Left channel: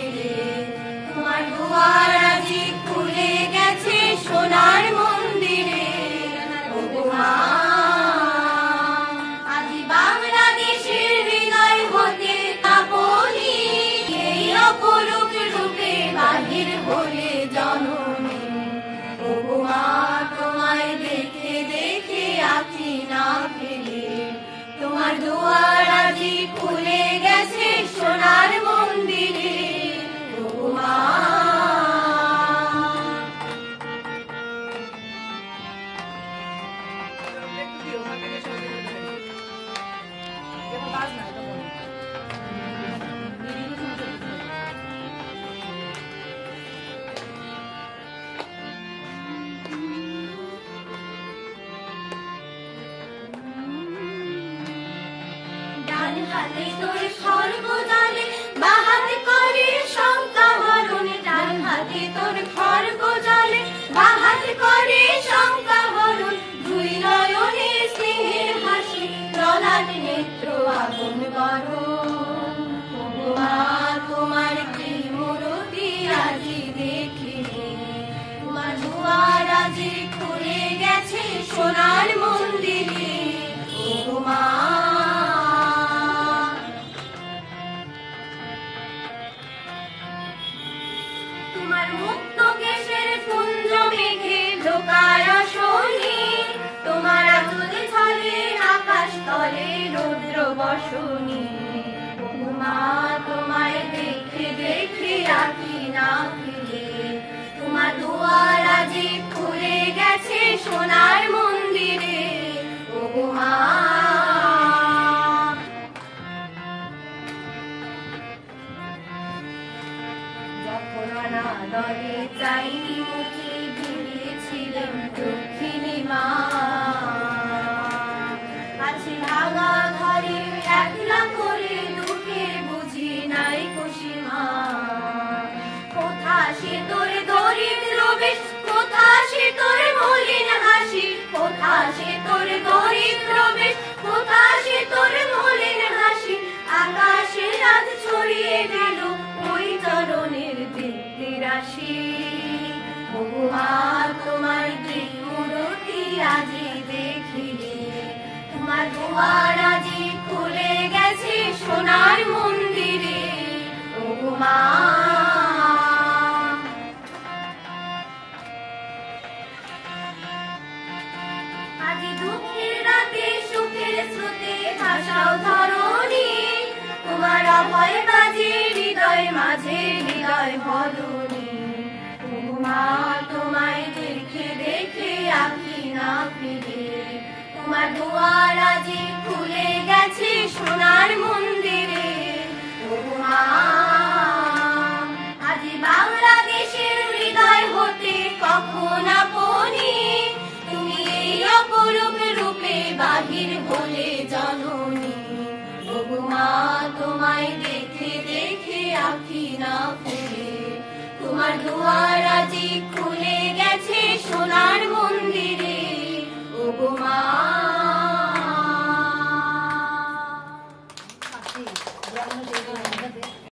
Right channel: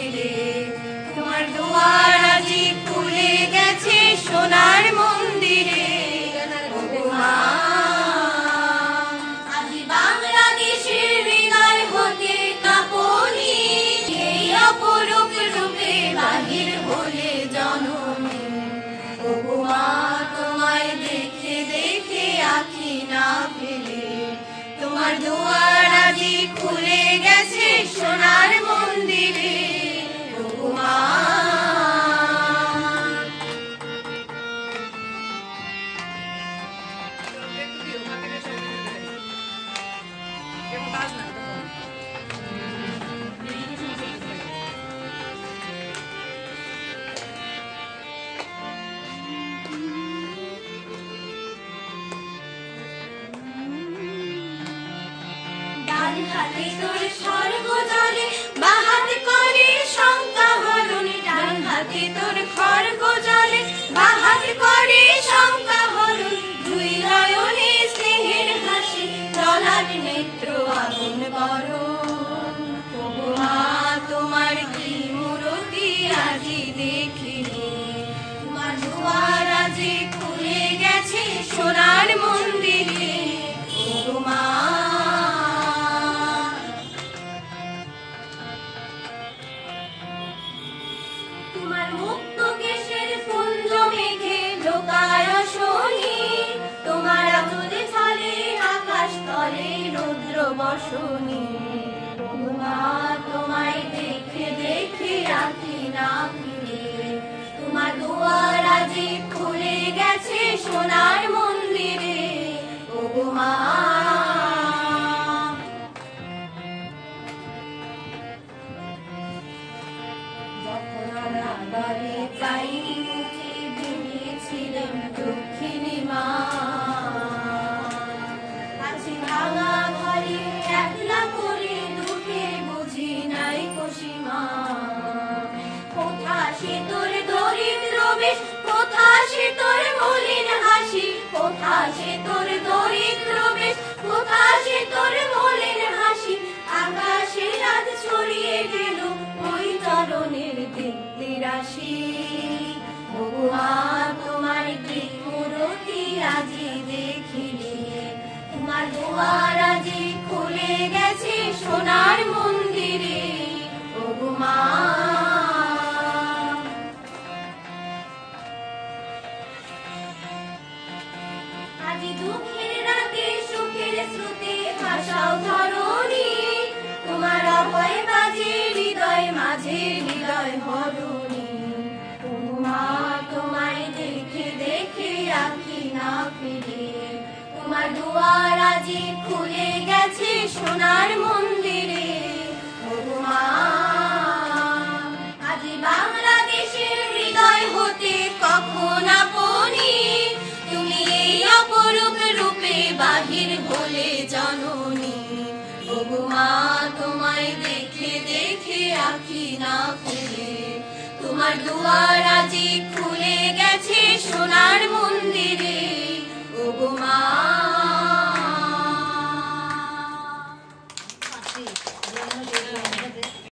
ফিরে, তোমার দুয়ার আজি খুলে গেছে সোনার মন্দিরে। ওগো মা, আজি বাংলাদেশের হৃদয় হতে আপনি এই অপরূপ রূপে বাহির হলে জননী। ওগো মা, তোমায় দেখে দেখে আখি না ফেলে, তোমার দুয়ার আজি খুলে গেছে সোনার মন্দিরে। ওগো মা, ডান হাতে তোর স্বর্গ জালে, বাঁ হাতে করে শঙ্কা হরণ। ডান হাতে তোর খড়গ জালে, বাঁ হাতে করে শঙ্কা হরণ। দুই নয়নে স্নেহের হাসি, ললাট নেত্র আগুন বরণ। ওগো মা, তোমার কি মূরতি আজি দেখিনি, তোমার দুয়ার আজি খুলে গেছে সোনার মন্দিরে। ওগো মা, তোমার মুক্ত কেশের কুঞ্জ মেঘে ঢোকার শনি, তোমার আচলে ছলে আকাশ তলে রুদ্র বসনি। ওগো মা, তোমায় দেখে দেখে আঁখি না ফিরে, তোমার দুয়ার আজি খুলে গেছে সোনার মন্দিরে। ওগো মা, যখন অনাদরে চাইনি মুখে ভেবেছিলেন দক্ষিণী মা, আছে ভাঙা ঘরে একলা করে দুঃখের বুঝি নাই খুশিমা। কোথা সে তোর দরিদ্র বেশ, কোথা সে তোর মলিন হাসি, কোথা সে তোর দরিদ্র বেশ, কোথা সে তোর মলিন হাসি। আকাশে রাত ছড়িয়ে গেল ওই চরণের দীপ্তি রাশি। ওগো মা, তোমার কি মূরতি আজি দেখিনি, তোমার দুয়ার আজি খুলে গেছে সোনার মন্দিরে। ওগো মা, আজি দুঃখের রাতে সুখের স্রোতে ভাসাও ধরণী, তোমার অভয় বাজে হৃদয় মাঝে হৃদয় হরণী। ওগো মা, তোমায় দেখে দেখে আঁখি না ফিরে, তোমার দুয়ার আজি খুলে গেছে সোনার মন্দিরে। ওগো মা, আজি বাংলাদেশের হৃদয় হতে কখন আপনি তুমি এই অপরূপ রূপে বাহির হলে জননী। ওগো মা, তোমায় দেখে দেখে আঁখি না ফেলে, তোমার দুয়ার আজি খুলে গেছে সোনার মন্দিরে।